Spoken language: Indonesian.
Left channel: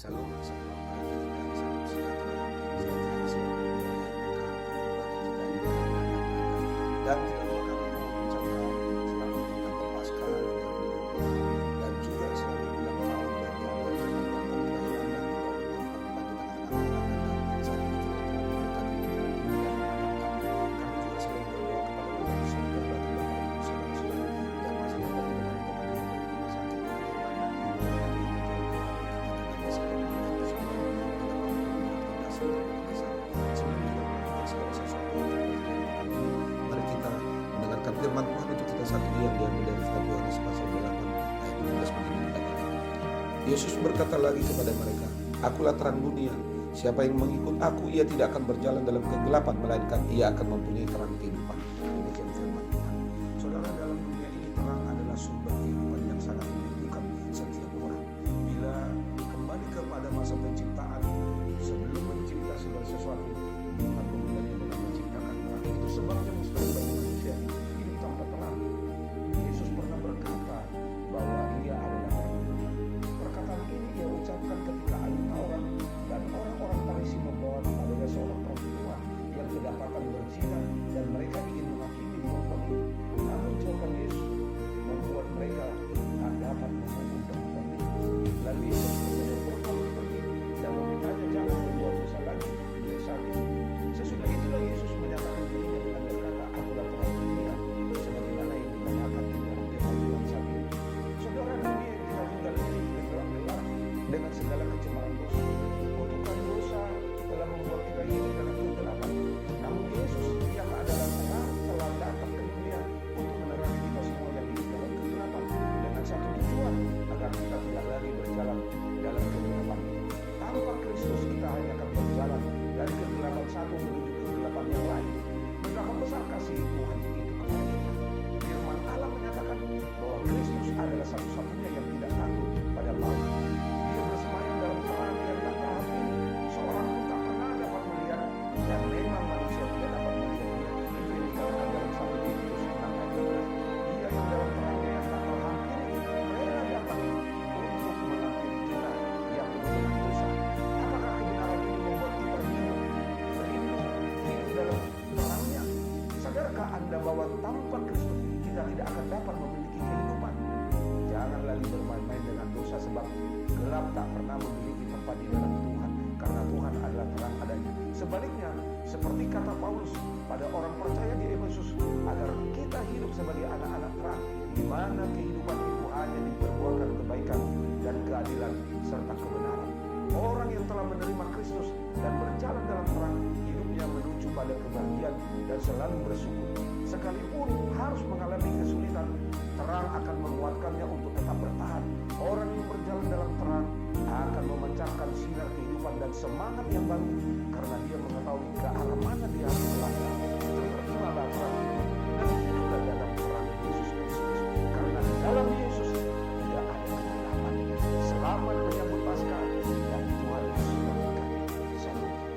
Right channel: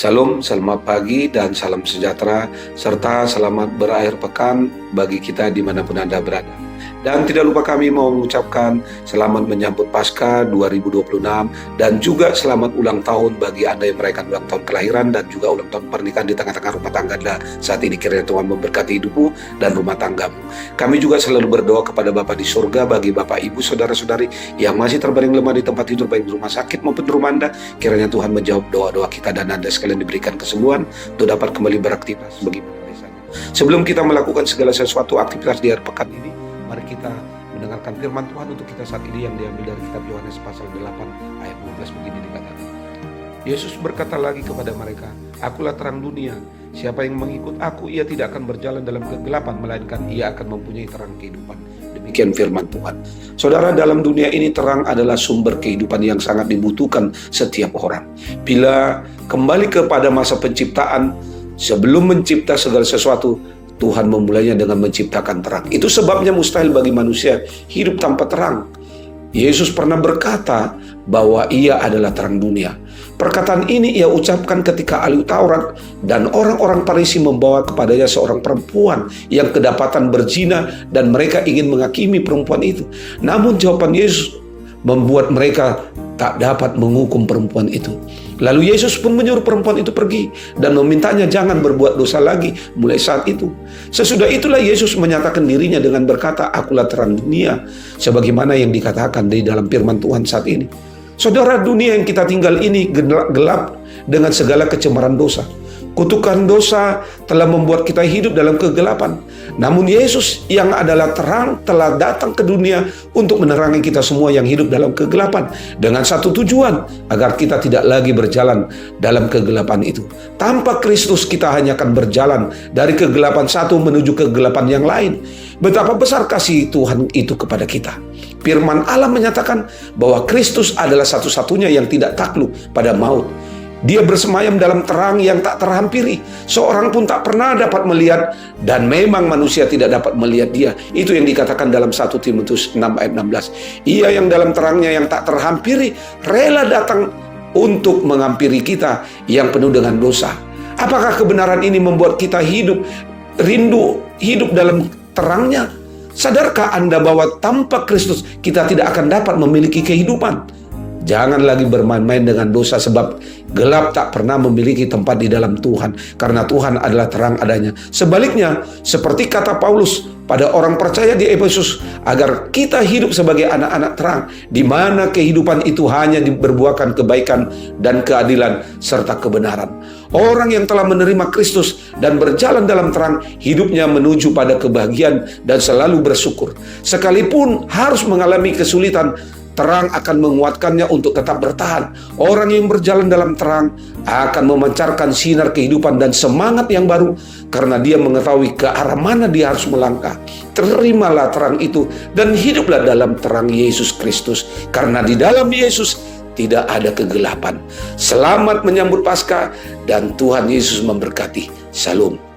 Salam, selamat pagi dan salam sejahtera, serta selamat berakhir pekan bagi kita dimanapun Anda berada. Dan tidak lupa kami mau mengucapkan selamat menyambut Paskah 2026 dan juga selamat ulang tahun bagi Anda yang merayakan ulang tahun kelahiran dan juga ulang tahun pernikahan di tengah-tengah rumah tangga Anda saat ini. Kiranya Tuhan memberkati hidupmu dan rumah tanggamu. Kami juga selalu berdoa kepada Bapa di surga bagi Bapak, Ibu, Saudara-saudari yang masih terbaring lemah di tempat tidur baik di rumah sakit maupun di rumah Anda. Kiranya Tuhan menjawab doa-doa kita dan Anda sekalian diberikan kesembuhan untuk dapat kembali beraktivitas bagi pemirsa. Sebelum kita melakukan segala sesuatu aktivitas di hari pekan ini, mari kita mendengarkan firman Tuhan untuk kita saat ini yang diambil dari kitab Yohanes pasal 8 ayat 12 begini dikatakan. Yesus berkata lagi kepada mereka, "Akulah terang dunia. Siapa yang mengikut aku, ia tidak akan berjalan dalam kegelapan, melainkan ia akan mempunyai terang kehidupan." Demikian firman Tuhan. Saudara, dalam dunia ini terang adalah sumber kehidupan yang sangat dibutuhkan setiap orang. Bila kembali kepada masa penciptaan, sebelum mencipta segala sesuatu, Tuhan memulainya dengan menciptakan terang. Itu sebabnya mustahil bagi manusia hidup tanpa terang. Yesus pernah berkata bahwa ia adalah terang dunia. Perkataan ini ia ucapkan ketika ahli Taurat dan orang-orang Farisi membawa kepadanya seorang perempuan yang kedapatan berzina dan mereka ingin menghakimi perempuan itu. Namun jawaban Yesus membuat mereka tak dapat menghukum perempuan itu. Lalu Yesus pun menyuruh perempuan itu pergi dan memintanya jangan berbuat dosa lagi mulai saat itu. Sesudah itulah Yesus menyatakan dirinya dengan berkata, "Akulah terang dunia," sebagaimana yang dikatakan di dalam firman Tuhan saat ini. Saudara, dunia yang kita tinggal ini gelap dengan segala kecemaran dosa. Kutukan dosa telah membuat kita hidup dalam kegelapan. Namun Yesus yang adalah terang telah datang ke dunia untuk menerangi kita semua yang hidup dalam kegelapan. Dengan satu tujuan, agar kita tidak lagi berjalan dalam kegelapan itu. Tanpa Kristus kita hanya akan berjalan dari kegelapan satu menuju kegelapan yang lain. Betapa besar kasih Tuhan itu kepada kita. Firman Allah menyatakan bahwa Kristus adalah satu-satunya yang tidak takluk pada maut. Dia bersemayam dalam terang yang tak terhampiri. Seorang pun tak pernah dapat melihat dan memang manusia tidak dapat melihat dia. Itu yang dikatakan dalam 1 Timotius 6 ayat 16. Ia yang dalam terangnya yang tak terhampiri rela datang untuk menghampiri kita yang penuh dengan dosa. Apakah kebenaran ini membuat kita rindu hidup dalam terangnya? Sadarkah Anda bahwa tanpa Kristus kita tidak akan dapat memiliki kehidupan? Jangan lagi bermain-main dengan dosa, sebab gelap tak pernah memiliki tempat di dalam Tuhan, karena Tuhan adalah terang adanya. Sebaliknya, seperti kata Paulus pada orang percaya di Efesus, agar kita hidup sebagai anak-anak terang, di mana kehidupan itu hanya berbuahkan kebaikan dan keadilan serta kebenaran. Orang yang telah menerima Kristus dan berjalan dalam terang, hidupnya menuju pada kebahagiaan dan selalu bersyukur. Sekalipun harus mengalami kesulitan, terang akan menguatkannya untuk tetap bertahan. Orang yang berjalan dalam terang akan memancarkan sinar kehidupan dan semangat yang baru karena dia mengetahui ke arah mana dia harus melangkah. Terimalah terang itu dan hiduplah dalam terang Yesus Kristus, karena di dalam Yesus tidak ada kegelapan. Selamat menyambut Paskah dan Tuhan Yesus memberkati. Shalom.